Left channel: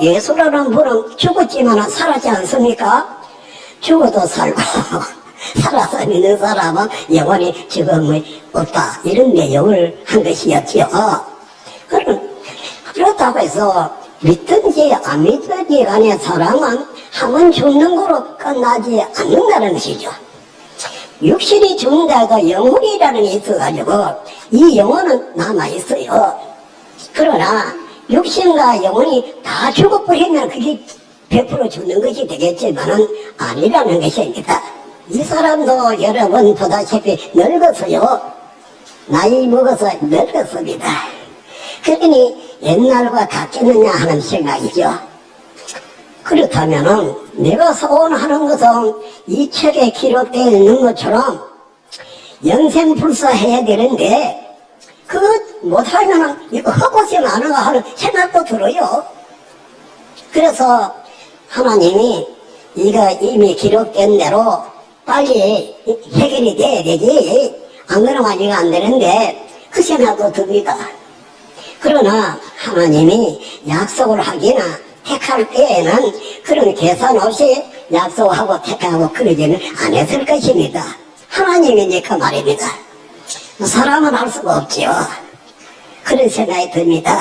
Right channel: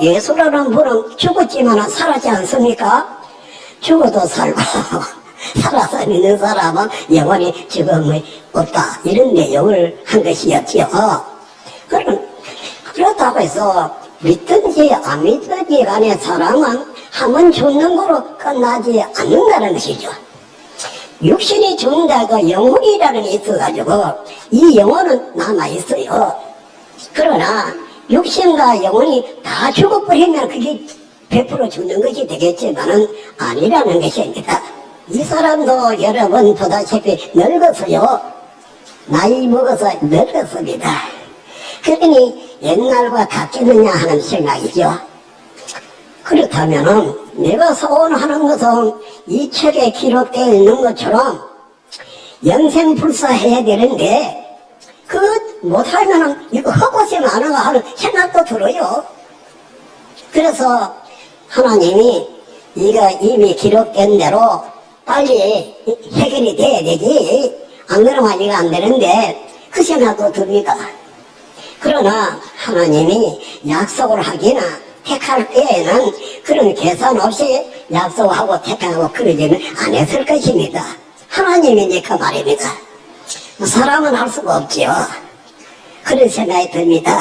예수라는 분은 죽었지만 살았지 않습니까? 죽어도 살고 살아서 있는 사람은 영원히 죽음이 없다 이런 내용을 한 것이었지요. 그럼 그렇다고 해서 믿든지 안 믿든지 간에 사람은 한번 죽는 거로 끝나지 않는다는 것이죠. 육신이 죽는다고 영혼이라는 게 있어가지고 이 영혼은 남아있어요. 그러나 육신과 영혼이 다 죽어버리면 그게 100% 죽는 것이 되겠지만은 아니라는 것입니다. 이 사람도 여러분 보다시피 늙었어요. 나이 먹어서 늙었습니다. 그러니 옛날과 같겠느냐 하는 생각이죠. 그렇다면은 내가 소원하는 것은 이 책에 기록되어 있는 것처럼 영생불사해야 되는데 그 못하면은 이거 헛것이 많은가 하는 생각도 들어요. 그래서 하나님이 이거 이미 기록된 대로 빨리 해결이 돼야 되지. 안 그러면 이거 안 되는데 그 생각도 듭니다. 그러나 하나님이 약속을 하기나 택할 때에는 그런 계산 없이 약속하고 택하고 그러지는 않았을 것입니다. 하나님이니까 말입니다. 사람은 할 수가 없지요. 그런 생각이 듭니다.